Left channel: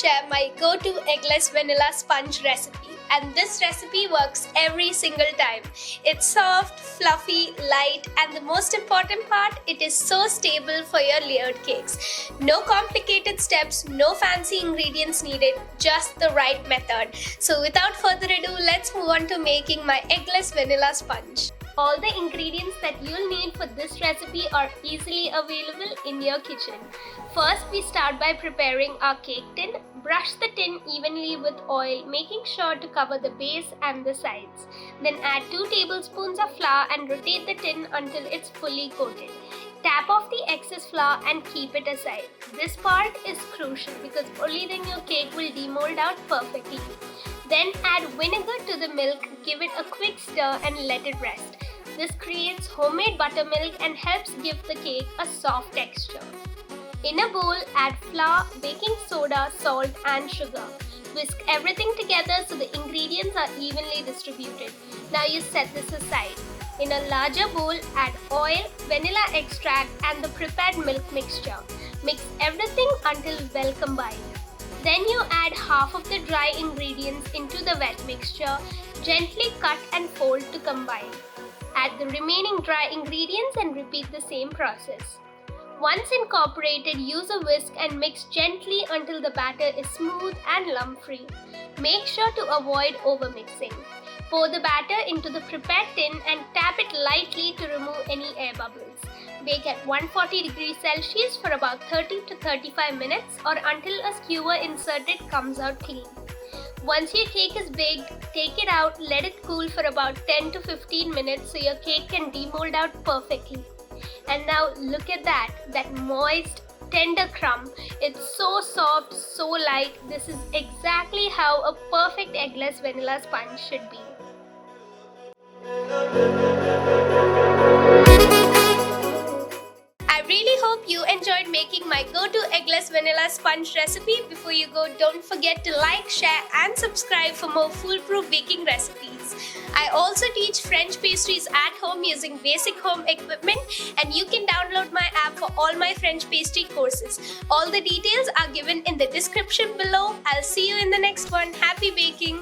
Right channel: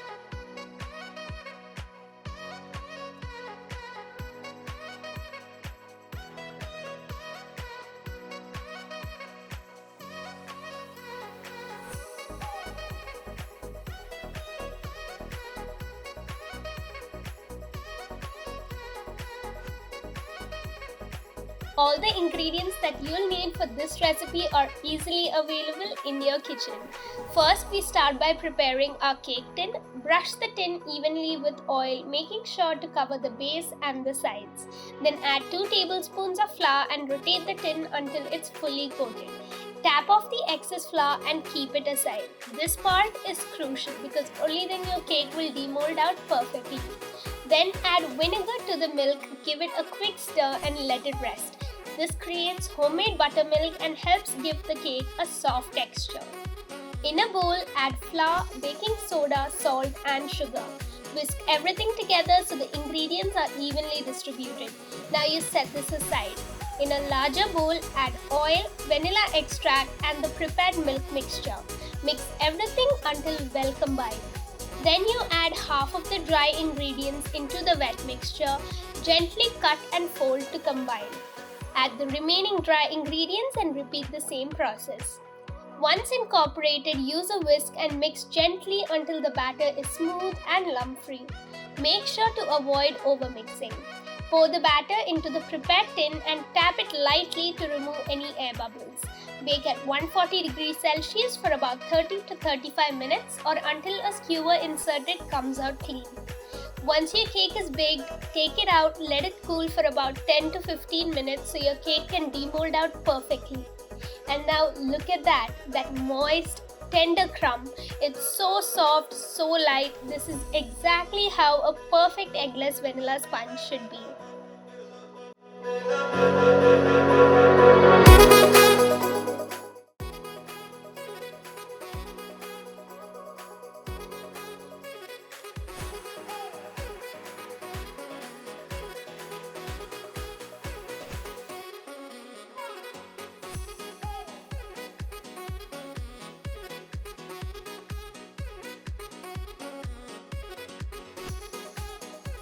share my go-to eggless vanilla sponge recipe, and this recipe works every single time. It's soft, fluffy, light, and the most important part, it is so stable for your layered cakes. No complicated steps, no fancy ingredients needed, just the right method. So without further ado, let's move on to making my eggless vanilla sponge. All the ingredients that you'll need for this recipe are easily available in your kitchen. First, we start by preparing our cake tin. Brush the tin evenly with oil, making sure to cover the base and the sides. Then add 2 tablespoons of flour and rotate the tin until it's fully coated. Tap off the excess flour and keep it aside. This part is crucial because only then your cake will demold out perfectly. Then add vinegar to the milk, give it a quick stir and let it rest. This creates homemade buttermilk and helps give the cake a soft texture. In a bowl, add flour, baking soda, salt and sugar. Whisk everything together so the ingredients are evenly distributed. Now you set this aside. In a larger bowl, add oil, vanilla extract and the prepared milk mixture. Mix everything until well combined. Then you add half of the dry ingredients into the wet mixture. Gently cut and fold to combine. Add the remaining dry ingredients and repeat the same process. Once incorporated, use a whisk and mix gently until the batter is smooth and lump-free. Make sure to avoid overmixing. Pour the batter into the prepared tin and tap it lightly to remove any air bubbles. Bake at 140 degrees Celsius for about 30 to 35 minutes or until a skewer inserted comes out clean. Once your cake is baked, take it out, let it cool for about 10 to 15 minutes so your cake can demold out perfectly. And now look at that moist, tender crumb. It's so soft, so light. This is exactly how a perfect eggless vanilla sponge should be. I really hope you enjoyed making my go-to eggless vanilla sponge recipe. Before you go, don't forget to like, share and subscribe for more foolproof baking recipes. I also teach French pastries at home using basic home equipment, and you can download my app for all my French pastry courses. All the details are given in the description below. I'll see you in the next one. Happy baking!